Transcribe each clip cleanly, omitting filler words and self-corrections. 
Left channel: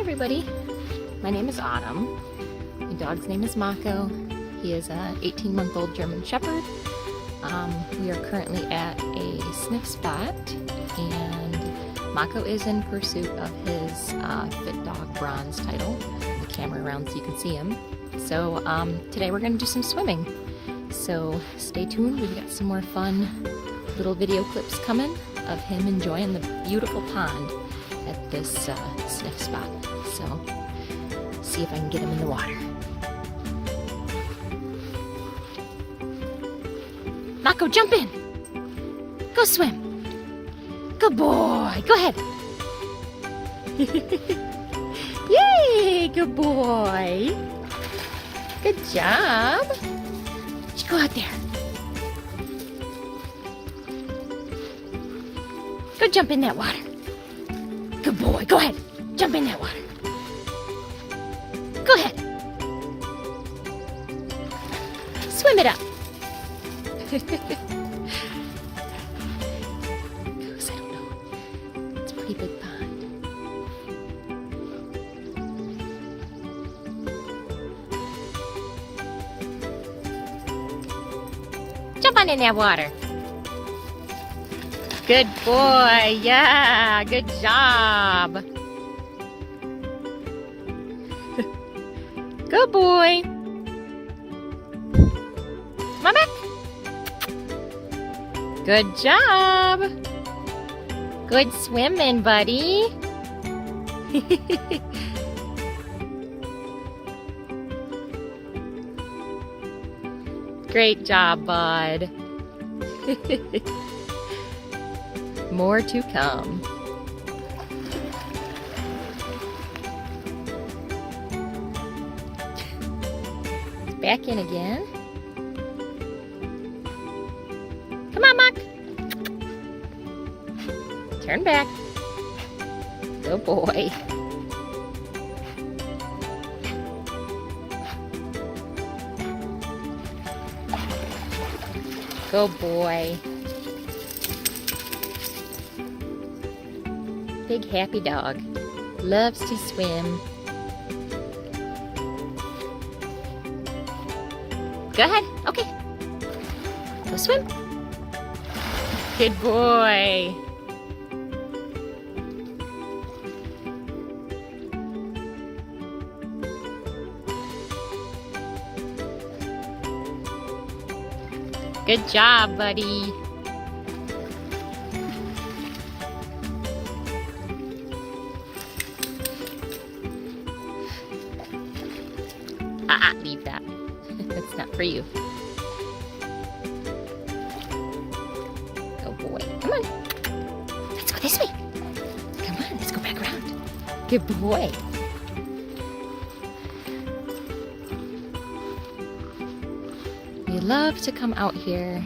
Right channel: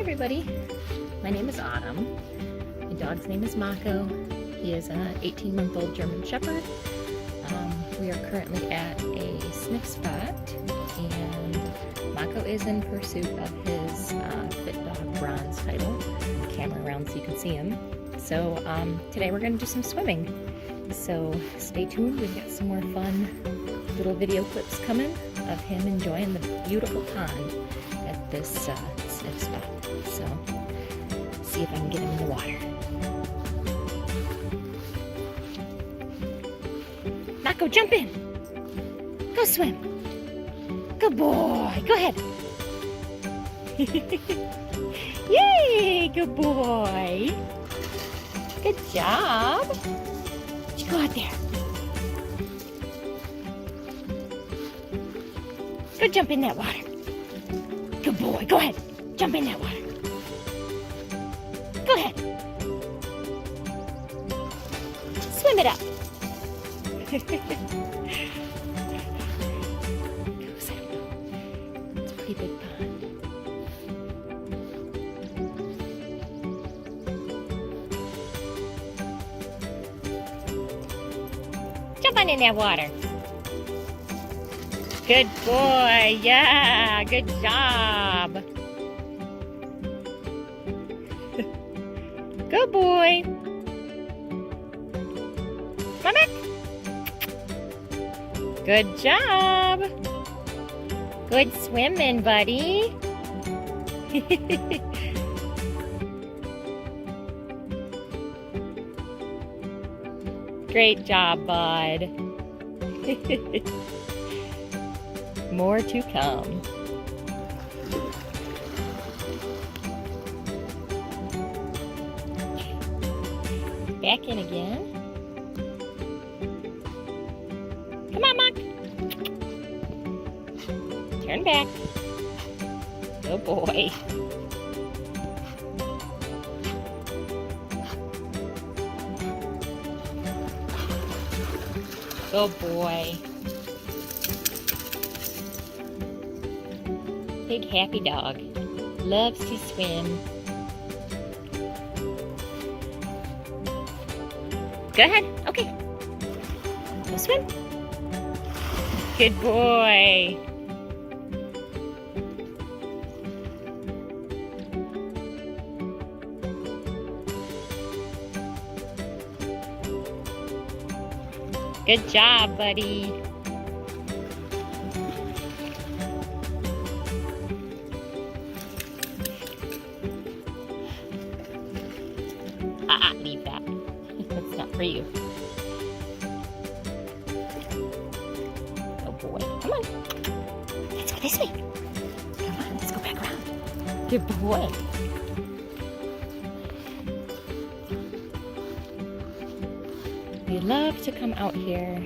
everybody, my name is Autumn. My dog's name is Mako. He is an 18-month-old German Shepherd. We are currently at a sniff spot, and Mako is in pursuit of his Fit Dog Bronze title. The camera around so you can see him. So today we're going to do some swimming. So stay tuned, we've got some more fun little video clips coming of him enjoying the beautiful pond at this sniff spot. So see if I can get him in the water. Mako, jump in! Go swim! Good boy! Go ahead! Yay! Good boy! Good job! Let's go out there. Go jump in that water. Good boy. Go ahead. Jump in that water. Go ahead. Swim it up. Goes, I don't know. It's a pretty big pond. Jump on in that water. Good boy, yeah, good job. Good boy. Come on back. Good job. Good swimming, buddy. Great job, bud. More to come. Back in again. Come on, Muck. Turn back. Good boy. Good boy. Big happy dog. Loves to swim. Go ahead. Okay. Go swim. Good boy. Good job, buddy. Leave that. That's not for you. Oh boy. Come on. Let's go this way. Come on, let's go back around. Good boy. We love to come out here.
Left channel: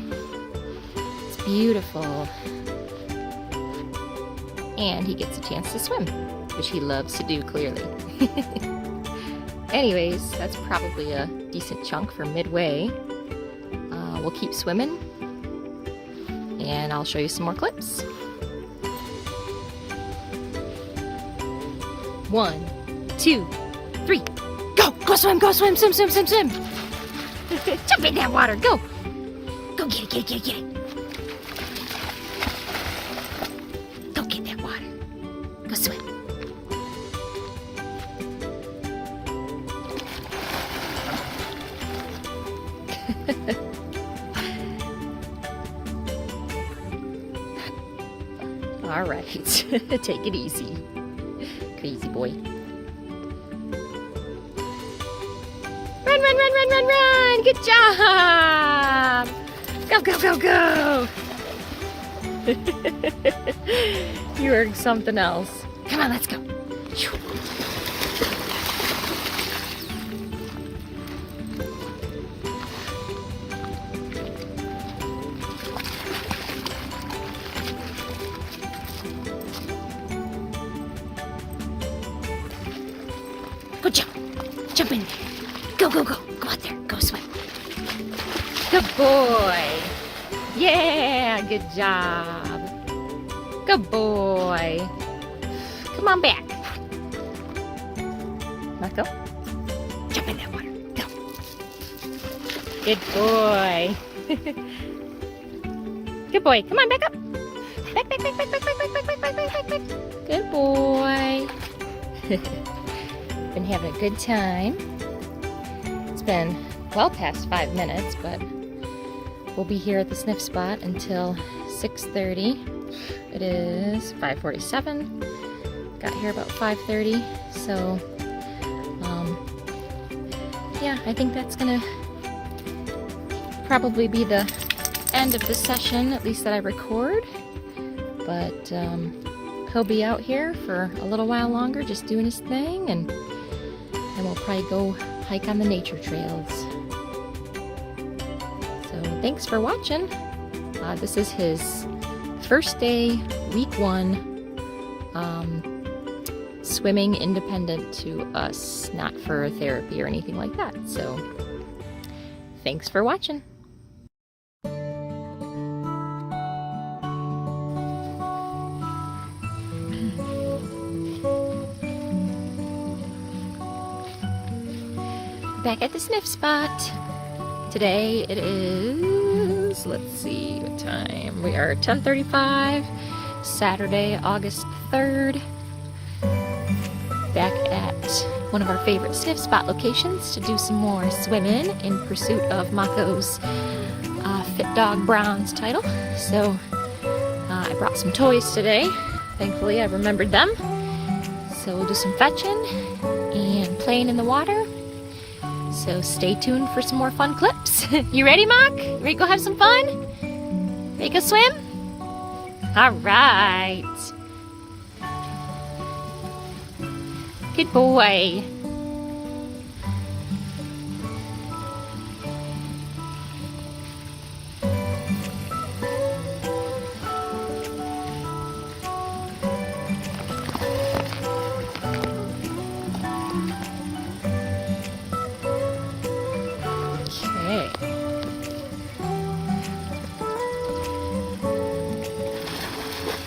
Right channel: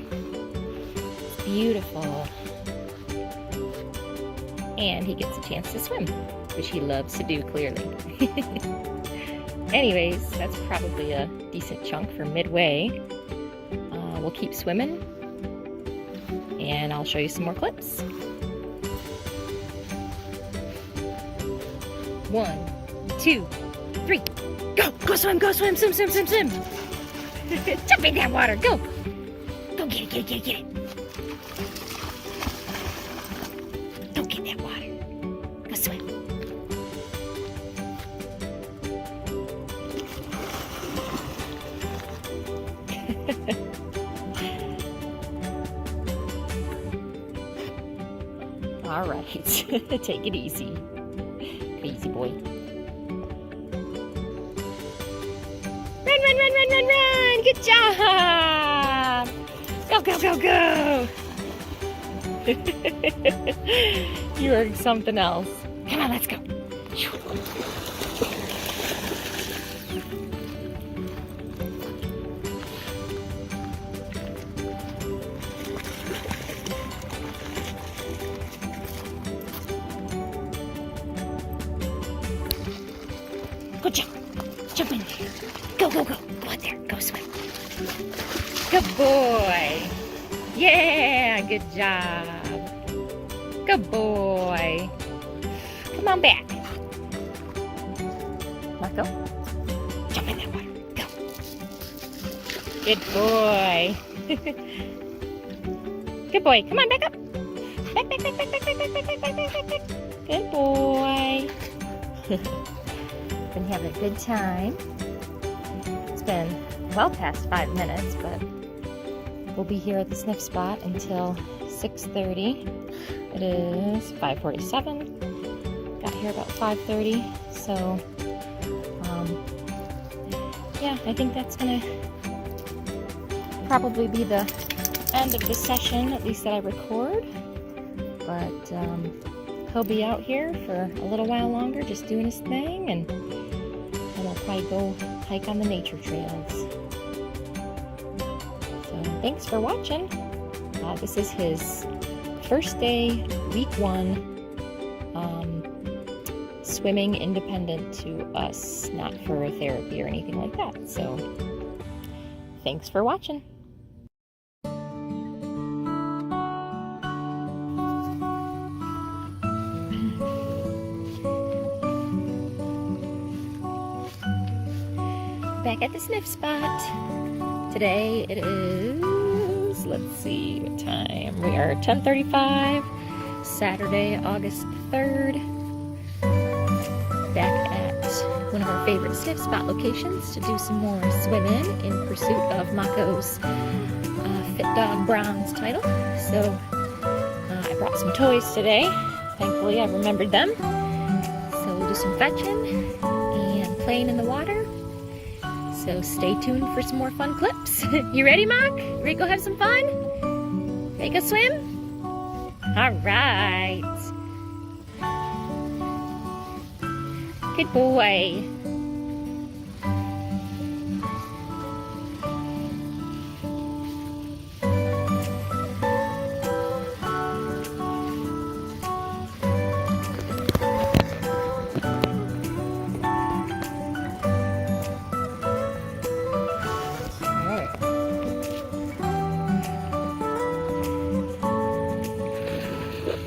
It's beautiful. And he gets a chance to swim, which he loves to do, clearly. Anyways, that's probably a decent chunk for midway. We'll keep swimming, and I'll show you some more clips. 1, 2, 3, go! Go swim, go swim, swim, swim, swim, swim! Jump in that water, go! Go get it, get it, get it, get it! Go get that water. Go swim. All right, take it easy, crazy boy. Run, run, run, run, run, run! Good job! Go, go, go, go! You are something else. Come on, let's go. Go jump. Jump in. Go, go, go. Go out there. Go swim. Good boy. Yeah, good job. Good boy. Come on back. Go. Jump in that water. Go. Good boy. Good boy. Come on, back up. Back, back, back, back, back, back, back, back, back, back, back, back. Good boy. Been having a good time. It's been well past 5 minutes, but we'll be here at the sniff spot until 6:30. It is 5:47. Got here about 5:30, so yeah, I think that's gonna probably be the end of the session, at least that I record. But he'll be out here for a little while longer, just doing his thing, and then we'll probably go hike on the nature trails. So thanks for watching. This is his first day, week 1, swimming independent to us, not for therapy or anything like that. So thanks for watching. Back at the sniff spot. Today it is, let's see what time. We are 10:35, Saturday, August 3rd. Back at one of our favorite sniff spot locations to do some more swimming in pursuit of Mako's Fit Dog Bronze title. So I brought some toys today. Thankfully I remembered them. So we'll do some fetching and playing in the water. So stay tuned for some more fun clips. You ready, Mako? Ready to go have some fun? Ready to go swim? All right. Good boy.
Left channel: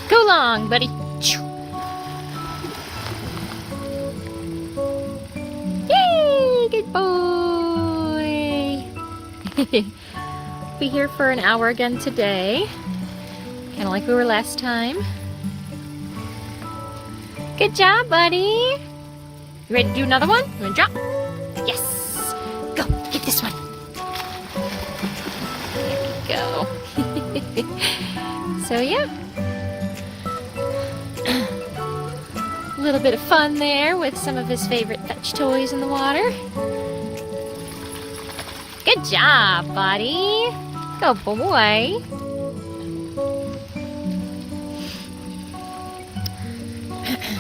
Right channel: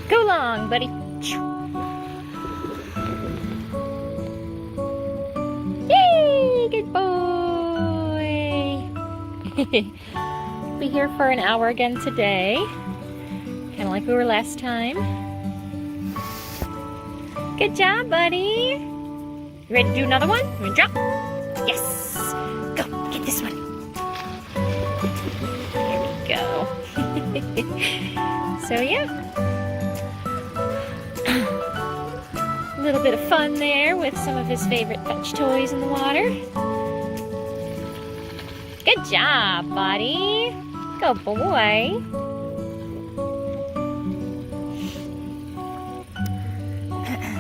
Go long, buddy. Yay, good boy. Be here for an hour again today, kind of like we were last time. Good job, buddy. You ready to do another one? You want to drop? Yes. Go, get this one. Go. So yeah. A little bit of fun there with some of his favorite fetch toys in the water. Good job, buddy. Go boy. Okay.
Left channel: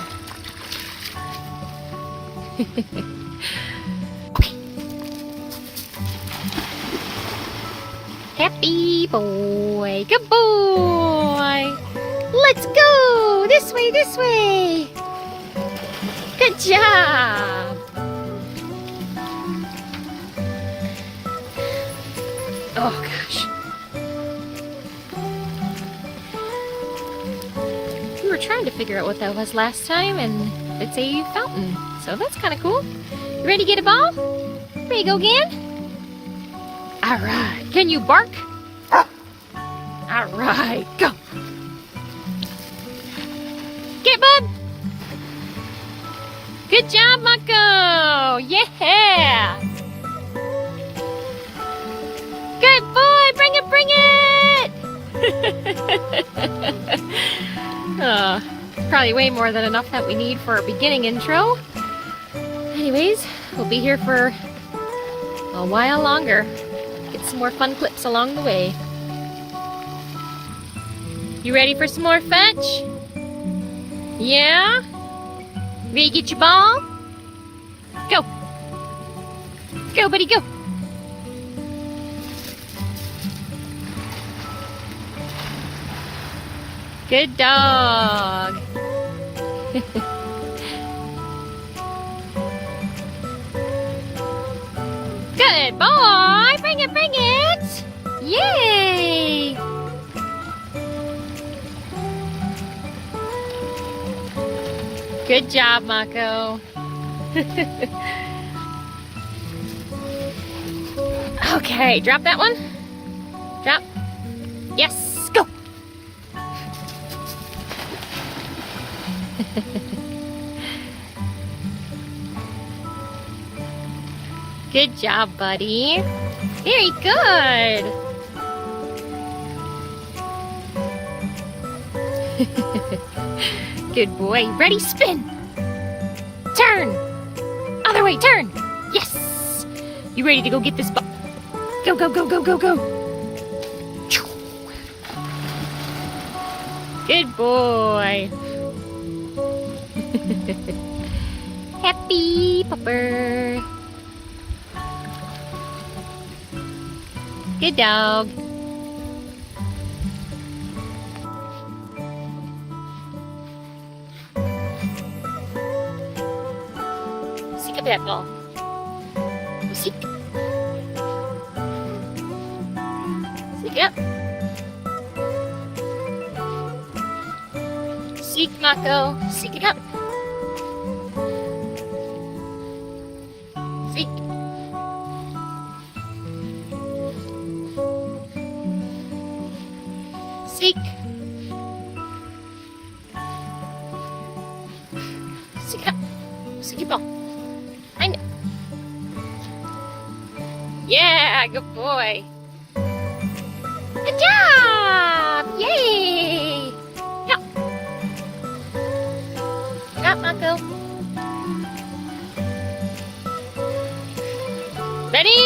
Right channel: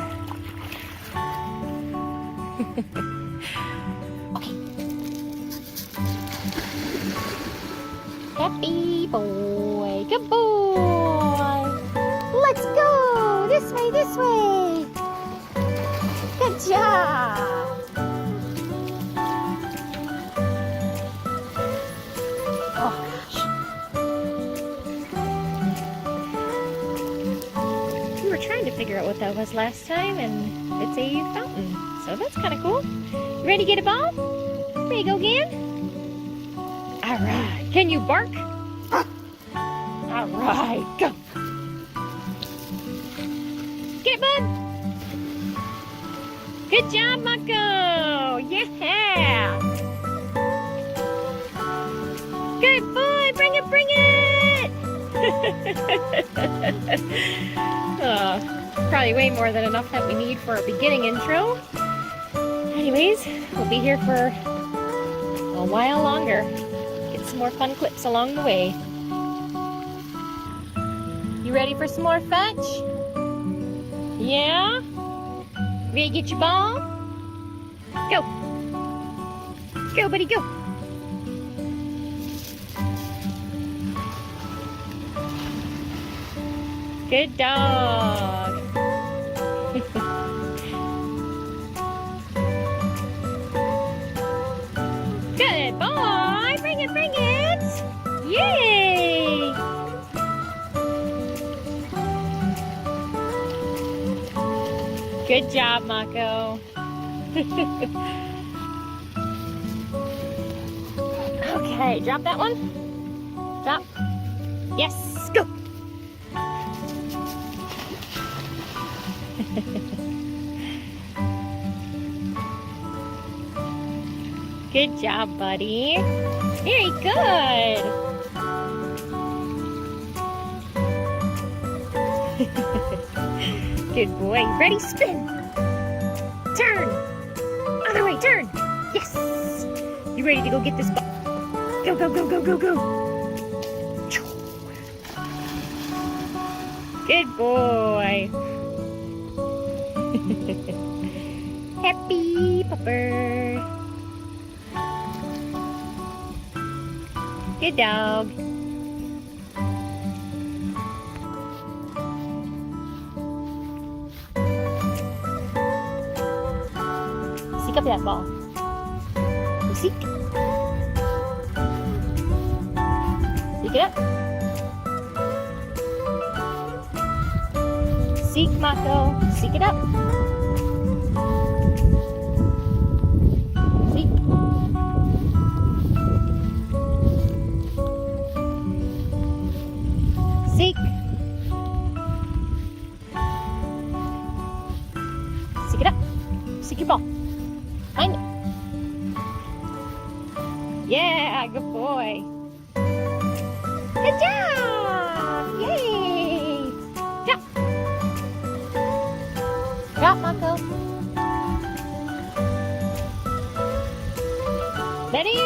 Happy boy. Good boy. Let's go. This way, this way. Good job! Oh gosh. We were trying to figure out what that was last time, and it's a fountain. So that's kind of cool. You ready to get a ball? Ready to go again? Alright. Can you bark? Alright, go. Get bub! Good job, Mako! Yeah! Good boy! Bring it, bring it! Oh, probably way more than enough that we need for our beginning intro. Anyways, we'll be here for a while longer. Get some more fun clips along the way. You ready for some more fetch? Yeah? Ready to get your ball? Go. Go, buddy, go. Good dog. Good boy. Bring it, bring it. Yay. Good job, Mako. Okay, drop that one. Drop. Yes, go. Good job, buddy. Very good. Good boy. Ready, spin. Turn. Other way, turn. Yes. You ready to go get this ball? Go, go, go, go, go, go. Good boy. Happy pupper. Good dog. Seek up that ball. You seek. Seek it up. Seek, Mako. Seek it up. Seek. Seek. Seek it up. Seek your ball. Find it. Yeah, good boy. Good job! Yay! Go. Go, Mako. Ready?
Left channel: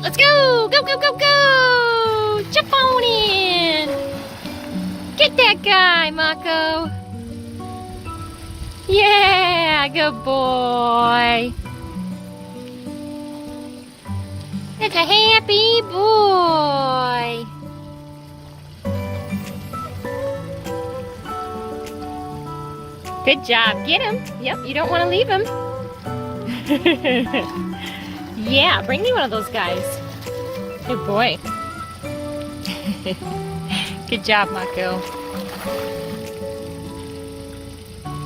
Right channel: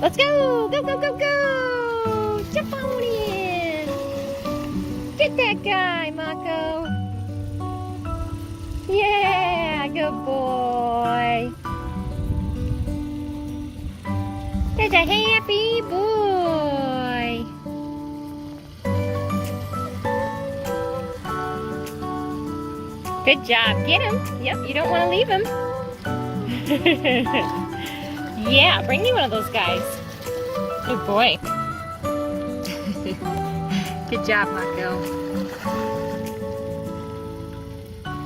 Let's go! Go, go, go, go! Jump on in! Get that guy, Mako! Yeah, good boy! There's a happy boy! Good job, get him! Yep, you don't want to leave him. Yeah, bring me one of those guys. Good boy. Good job, Mako.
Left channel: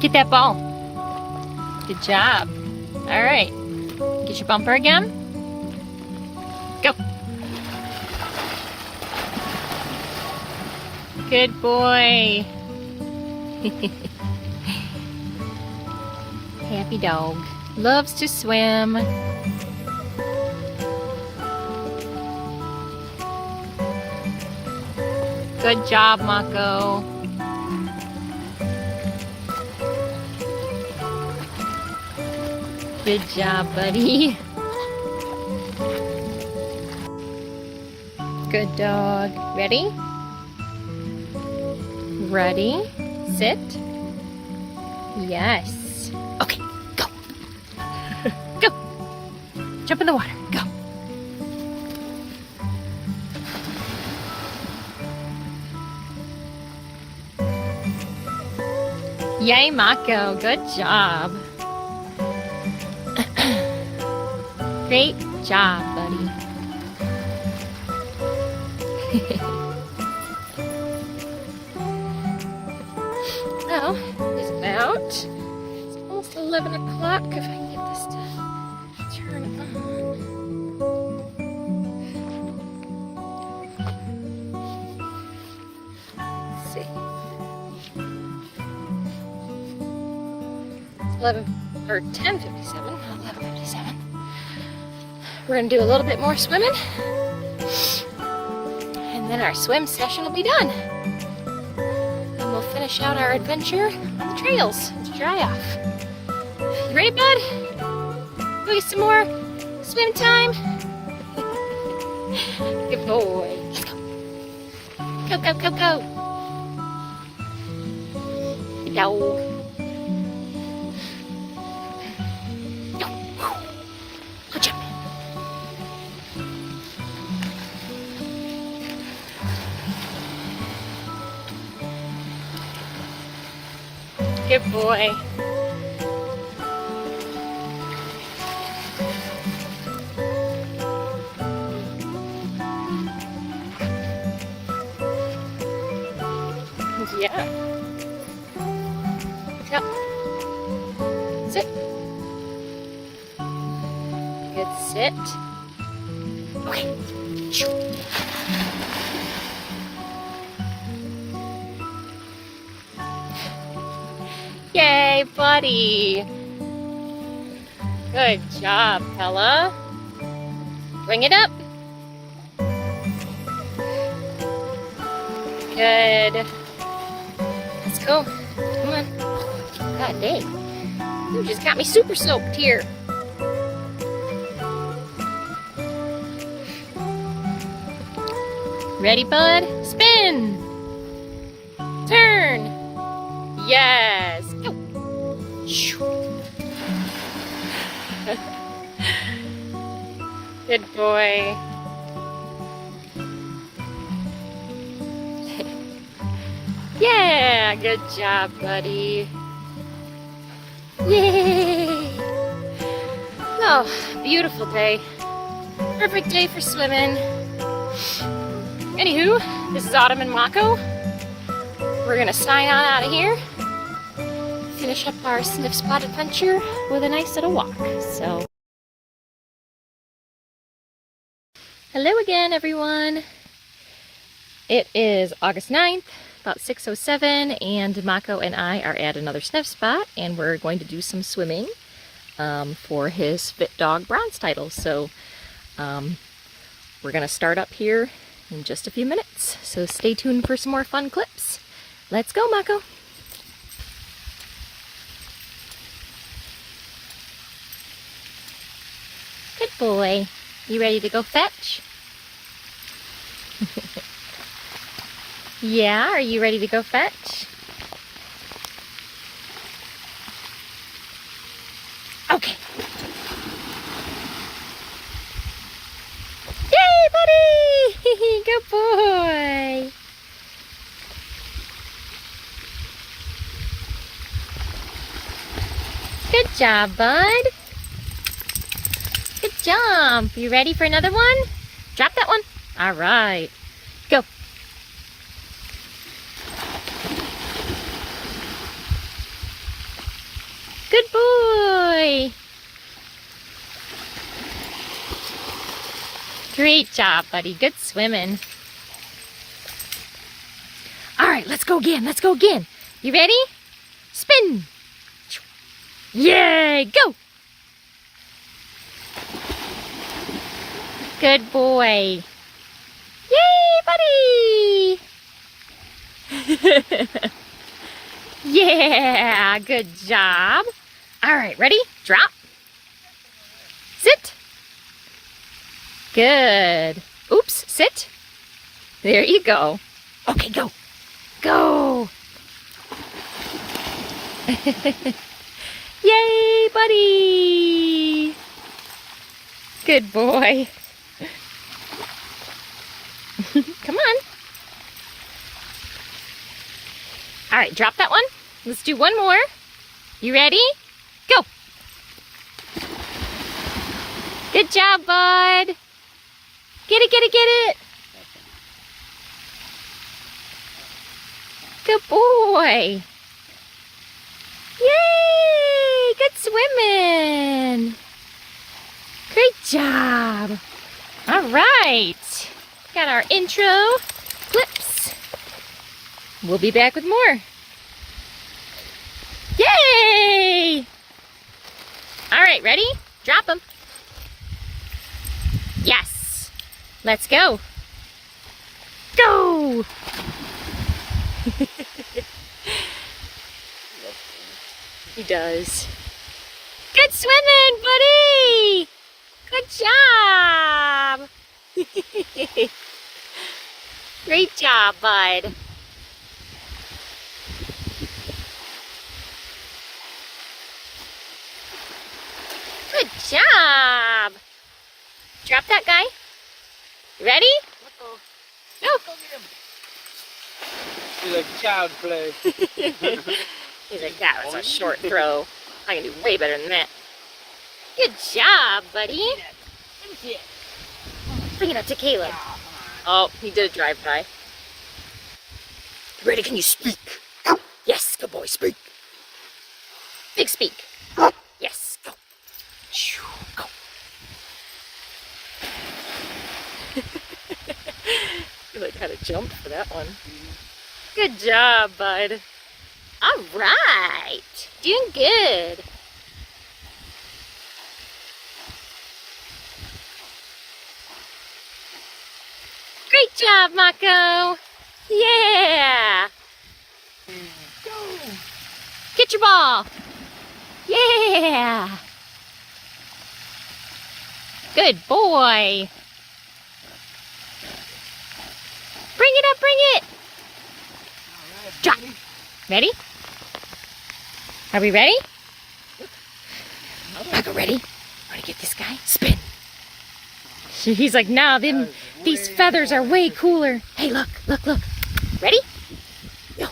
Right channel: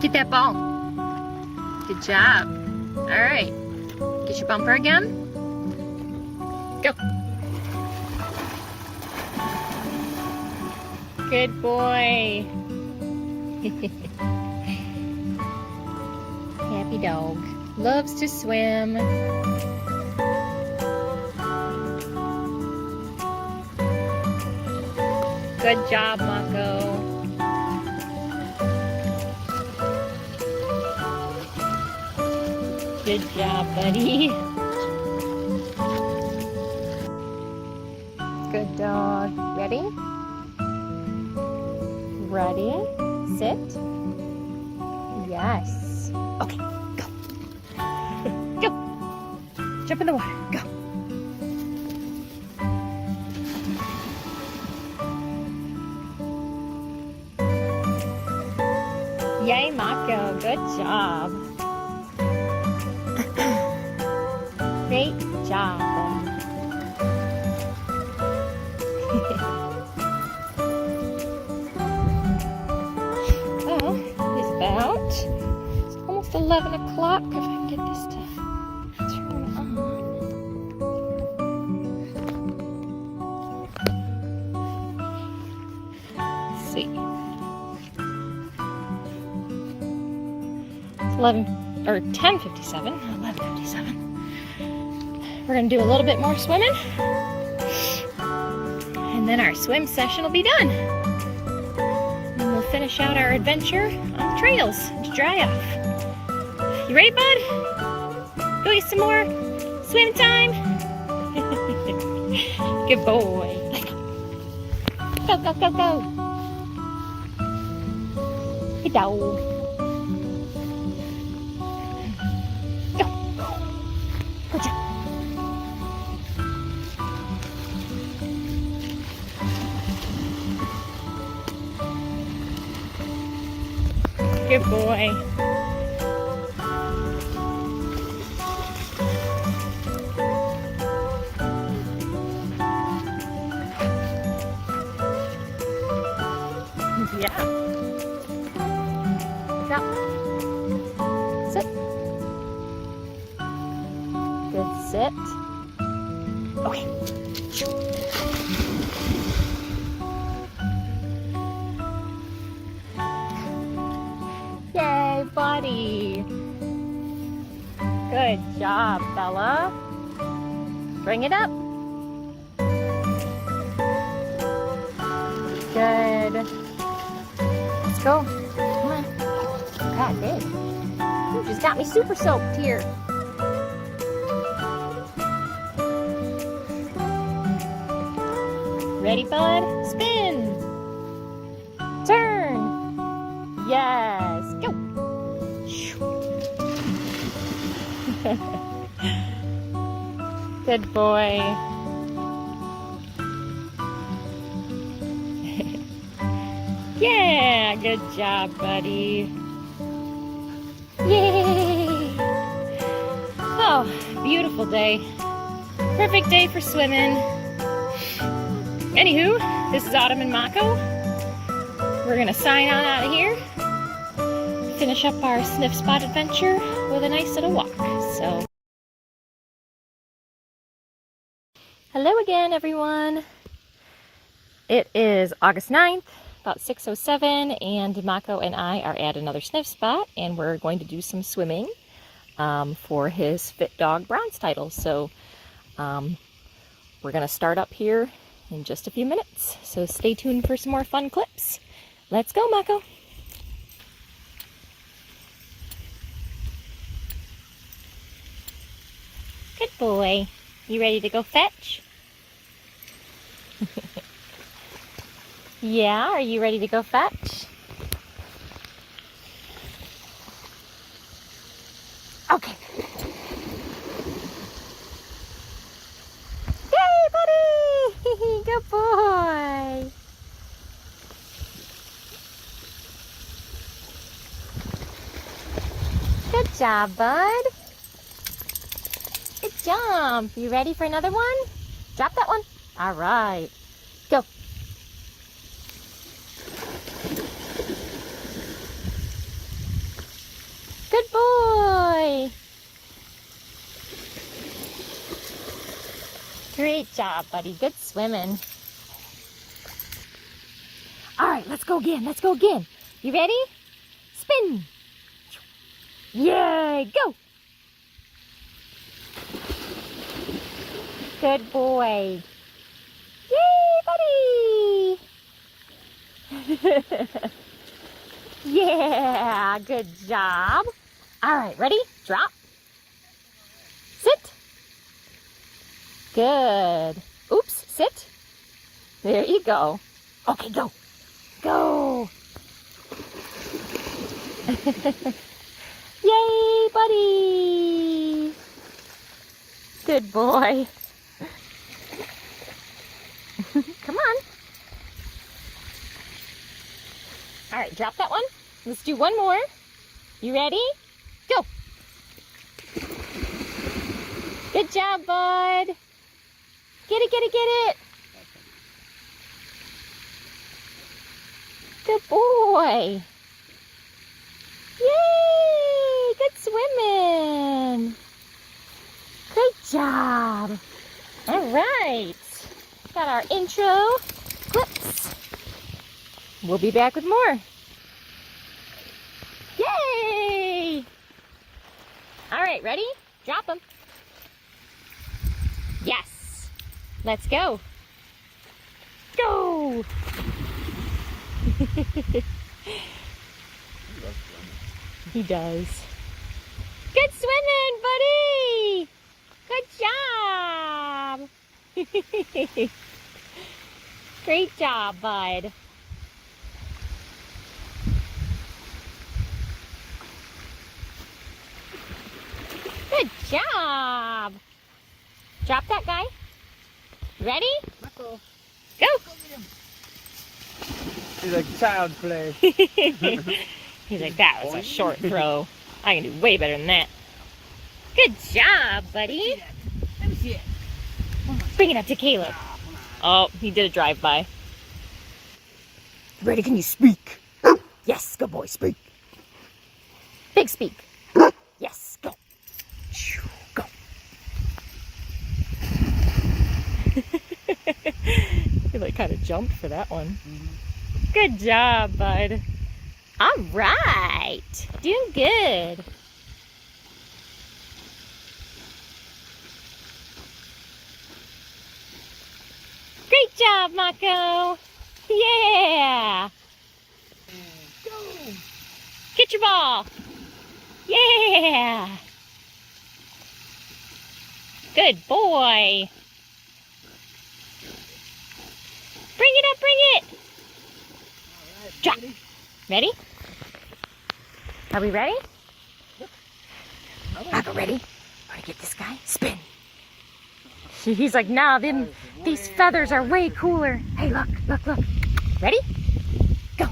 Get that ball. Good job. All right. Get your bumper again. Go. Good boy. Happy dog. Loves to swim. Good job, Mako. Good job, buddy. Good dog. Ready? Ready? Sit. Yes. Okay, go. Go. Jump in the water. Go. Yay, Mako. Good job. Great job, buddy. Well, it's almost 11 o'clock if I can get this to turn on. Let's see. 10:57, 11:57. We're gonna do a little bit more swimming, and then our swim session will be done. And we'll finish out our adventure on the trails to dry off. You ready, bud? Go get some more swim time. Good boy. Let's go. Go, go, go, go. Good dog. Good boy. Yeah. Drop. Sit. Good sit. Okay. Yay, buddy. Good job, fella. Bring it up. Good. Let's go. Come on. God dang. You just got me super soaked here. Ready, bud? Spin. Turn. Yes. Go. Good boy. Yeah, good job, buddy. Yay! Oh, beautiful day. Perfect day for swimming. Anywho, this is Autumn and Mako. We're gonna sign on out of here. Finish up our sniff spot adventure with a nice little walk. So, hello again, everyone. It is August 9th. About 6:07, and Mako and I are at another sniff spot, and we're going to do some swimming for his Fit Dog Bronze title. So we're going to start up here in just a few minutes. So stay tuned for some more fun clips. Let's go, Mako. Good boy. You ready to go fetch? Yeah, are you ready to go fetch? Okay. Yay, buddy! Good boy. Good job, bud. Good job. You ready for another one? Drop that one. All right. Go. Good boy. Great job, buddy. Good swimming. All right, let's go again. Let's go again. You ready? Spin. Yay, go. Good boy. Yay, buddy. Yeah, good job. All right, ready? Drop. Sit. Good. Oops, sit. There you go. Okay, go. Go. Yay, buddy. Good boy. Come on. All right, drop that one. Let's do one more. You ready? Go. Good job, bud. Get it, get it, get it. Good boy. Yay, good swimming. Great job. All right. Got our intro clips. We'll be back with more. Yay! All right, ready? Drop them. Yes. Let's go. Go! He does. Good swimming, buddy! Good job! Great job, bud. Good job. Drop that guy. You ready? Go. Go. He's like child play. He's like, that was a short throw. I can do way better than that. Good job, buddy. Let me see it. Bring it up to Caleb. Oh, he did a drive-by. Ready? Can you speak? Yes, good boy, speak. Big speak. Yes, go. Shoo, go. You like kind of jumped for that one. Good job, bud. All right. Doing good. Great job, Mako. Yeah. Go. Get your ball. Yeah. Good boy. Bring it up, bring it. All right, Drop. buddy. Ready? Are we ready? Another Mako, ready? Ready to get this guy? Spin. He's like, nah, then these feathers are way cooler. Hey, look, look, look. Ready? Go.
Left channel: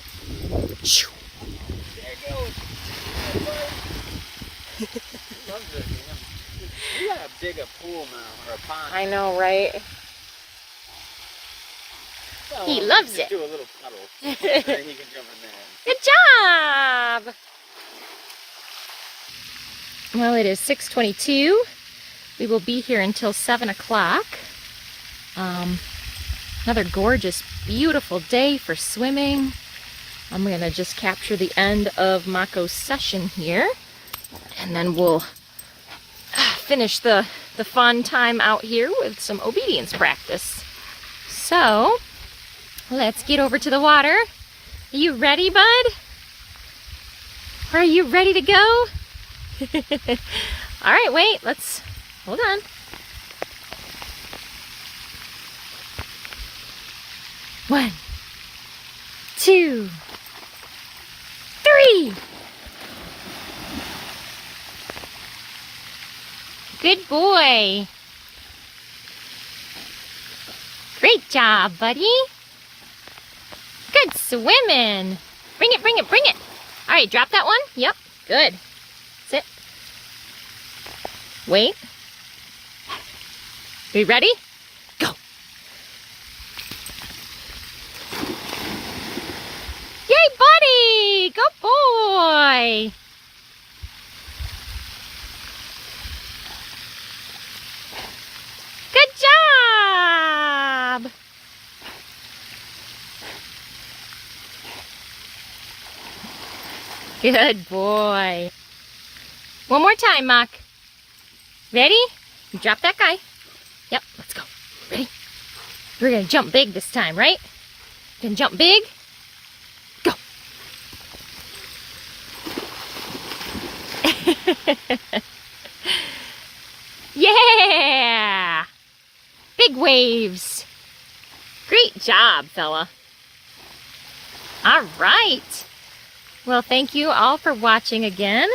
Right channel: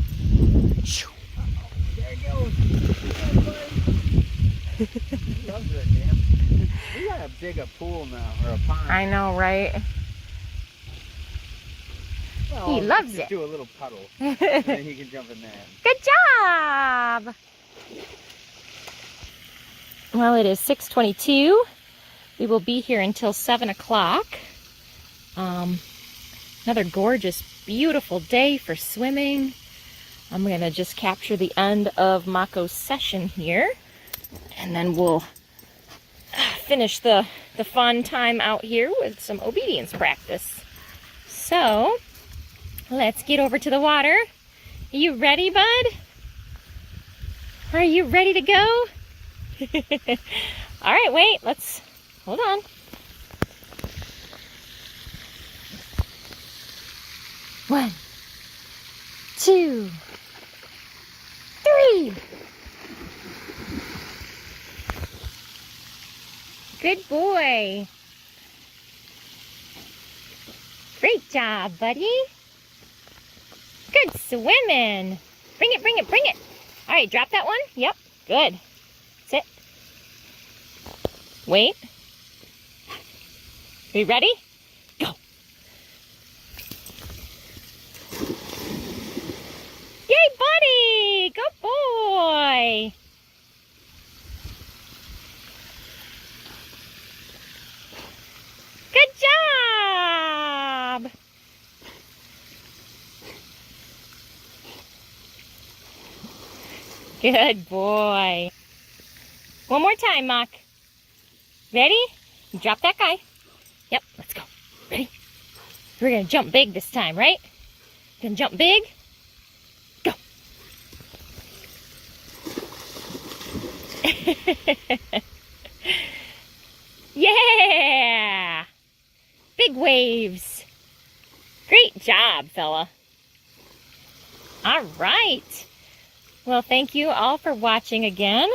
Shoo. There it goes. He loves it, you know. We got a bigger pool now, or a pond. I know, right? Well, He loves just it. do a little puddle, and then he can jump in there. Good job. Well, it is 6:22. We will be here until 7 o'clock. Another gorgeous, beautiful day for swimming. I'm going to just capture the end of Mako's session here, and then we'll finish the fun time out here with some obedience practice. So, let's get over to the water. Are you ready, bud? Are you ready to go? All right, wait, let's, hold on. One, 2, 3. Good boy. Great job, buddy. Good swimming. Bring it, bring it, bring it. All right, drop that one. Yep, good. Sit. Wait. Are you ready? Go. Yay, buddy. Good boy. Good job. Good boy. One more time, Mak. Ready? Drop that guy. Yep, let's go. Ready? We're gonna jump big this time, right? Gonna jump big. Go. Yeah! Big waves. Great job, fella. All right. Well, thank you all for watching again.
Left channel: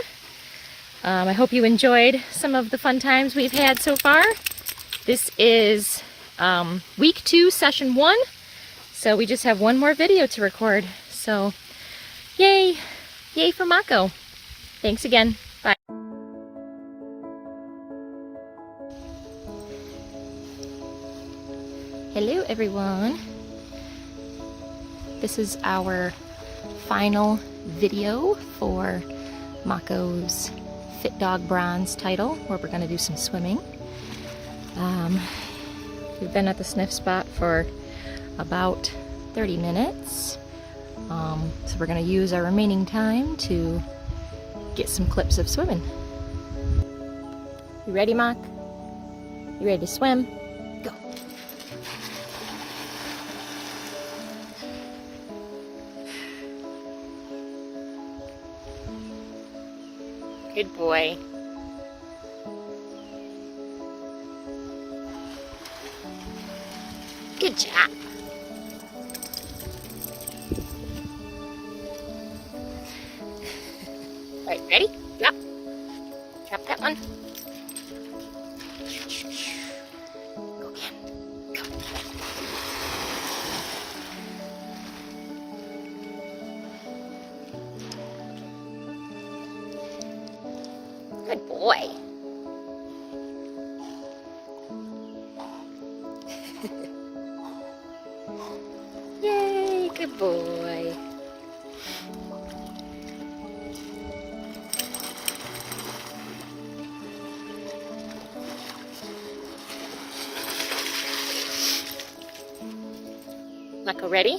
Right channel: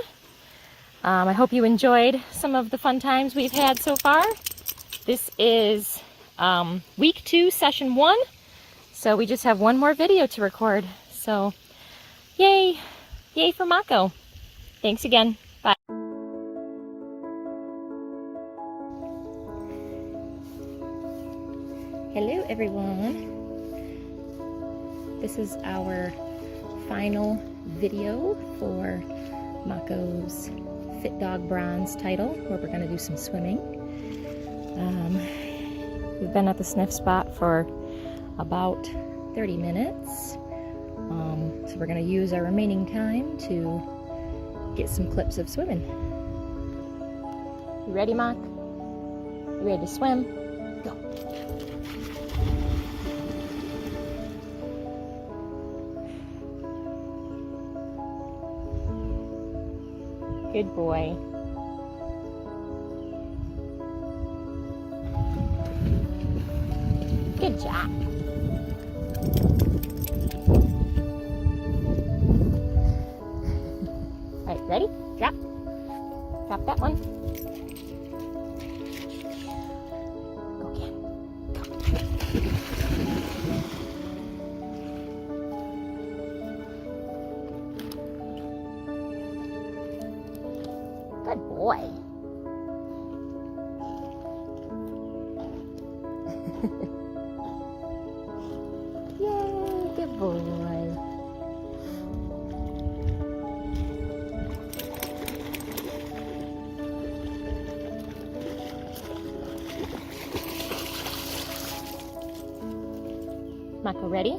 I hope you enjoyed some of the fun times we've had so far. This is week 2, session 1. So we just have one more video to record. So yay, yay for Mako. Thanks again. Bye. Hello everyone. This is our final video for Mako's Fit Dog Bronze title, where we're going to do some swimming. We've been at the sniff spot for about 30 minutes. So we're going to use our remaining time to get some clips of swimming. You ready, Mak? You ready to swim? Go. Good boy. Good job. All right, ready? Drop. Drop that one. Go again. Go. Good boy. Yay, good boy. Mako, ready?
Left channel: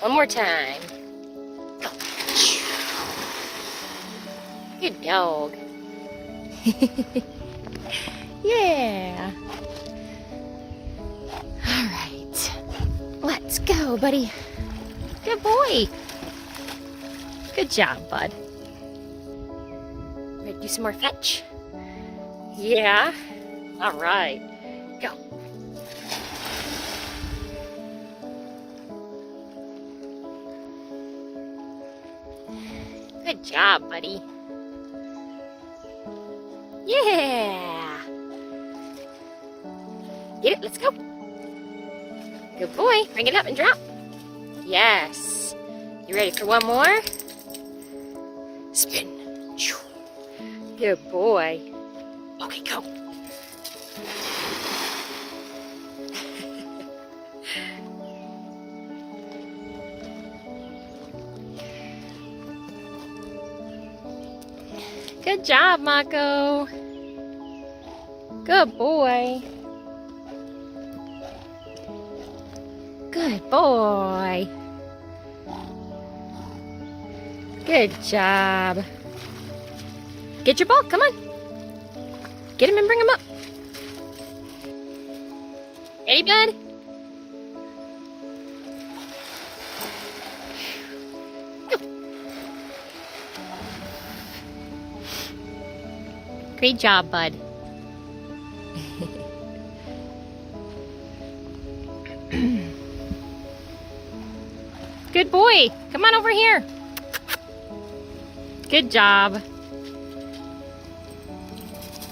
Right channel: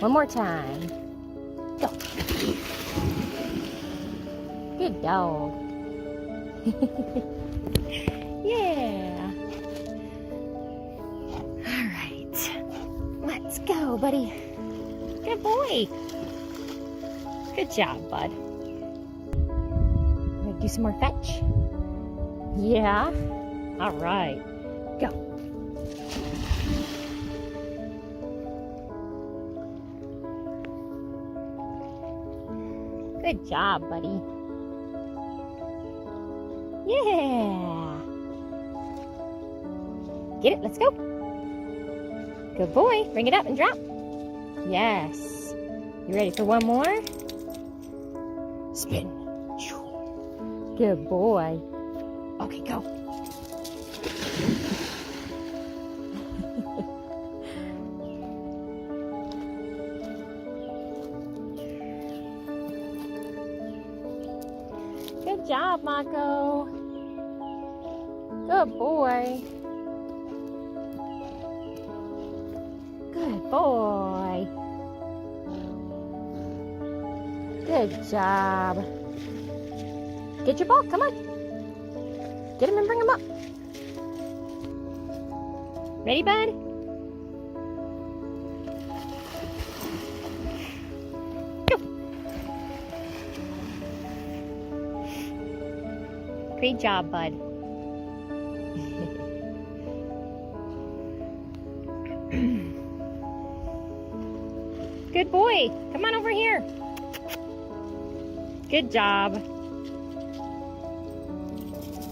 One more time. Go. Good dog. Yeah. All right. Let's go, buddy. Good boy. Good job, bud. Ready to do some more fetch? Yeah. All right. Go. Good job, buddy. Yeah. Get it, let's go. Good boy. Bring it up and drop. Yes. You ready for one more? Spin. Good boy. Okay, go. Good job, Mako. Good boy. Good boy. Good job. Get your ball, come on. Get him and bring him up. Ready, bud? Go. Great job, bud. Good boy. Come on over here. Good job.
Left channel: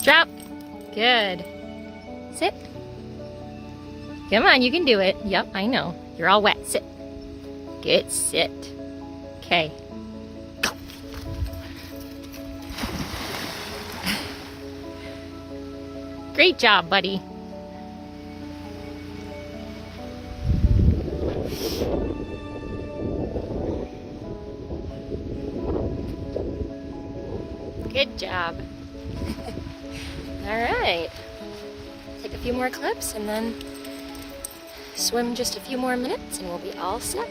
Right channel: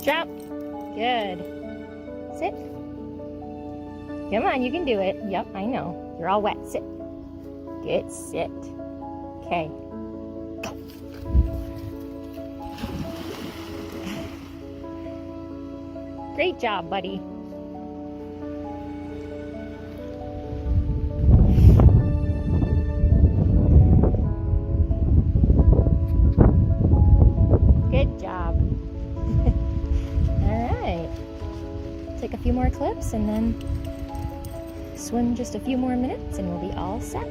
Drop. Good. Sit. Come on, you can do it. Yep, I know. You're all wet. Sit. Good. Sit. Okay. Go. Great job, buddy. Good job. All right. Take a few more clips and then swim just a few more minutes and we'll be all set.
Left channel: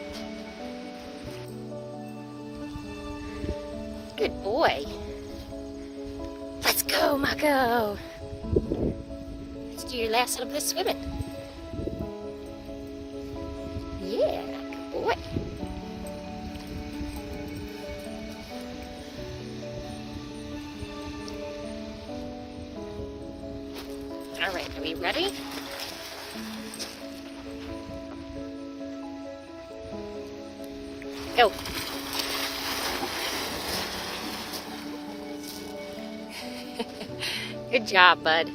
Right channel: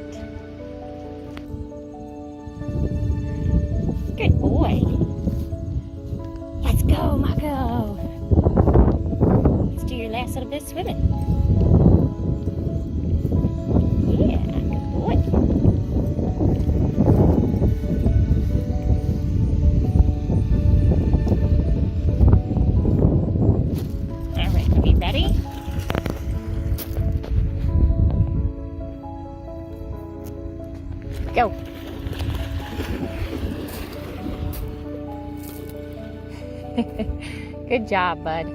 Good boy. Let's go, Mako. Let's do your last little bit of swimming. Yeah, good boy. Ready? Go. Good job, bud.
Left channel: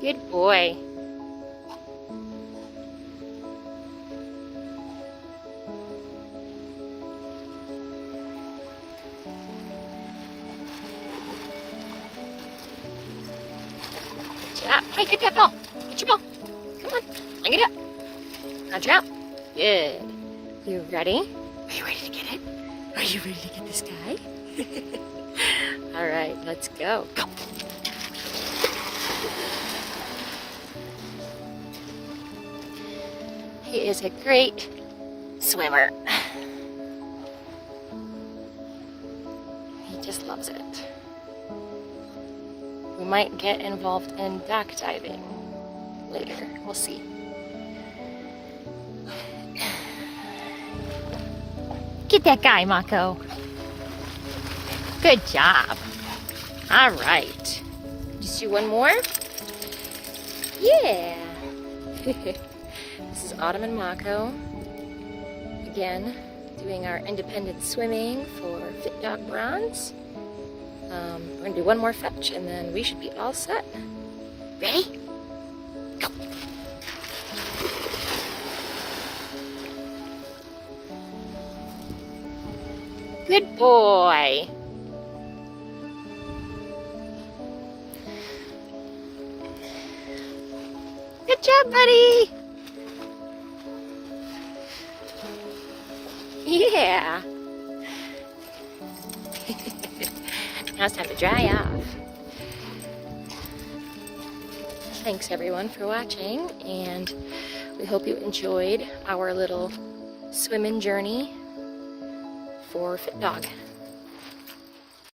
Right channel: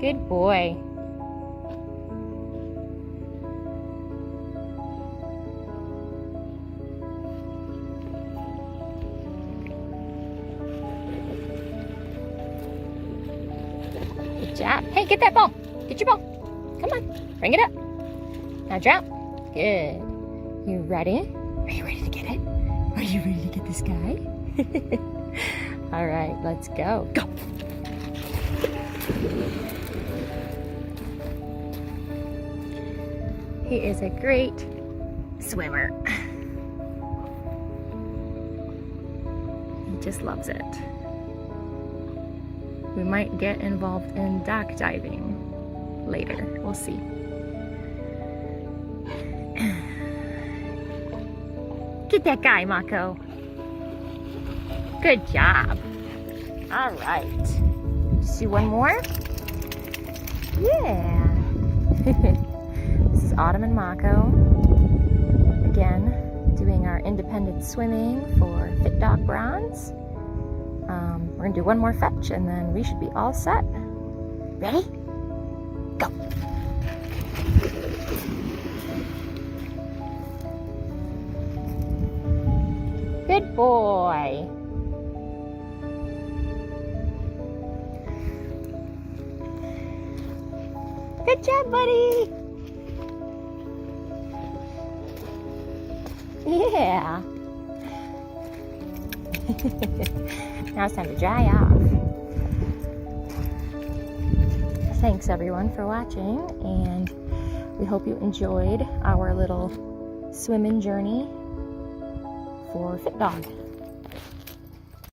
Good boy. Drop. Hey, get that ball. Get your ball. Come on. Bring it up. Now drop. Good. You ready? Are you ready to get it? Are you ready to get this guy? All right, let's go. Go. He is a great swimmer. He just loves it. We might get involved in dock diving later. We'll see. Get that guy, Mako. Good job. All right. Just do one more. Yeah. This is Autumn and Mako. Again, doing our independent swimming for Fit Dog Bronze. We're gonna do one more fetch and then we should be all set. Ready? Go. Good boy. Good job, buddy. Yeah. Now it's time to dry off. thanks everyone for watching, and we hope you enjoyed our little swimming journey for Fit Dog.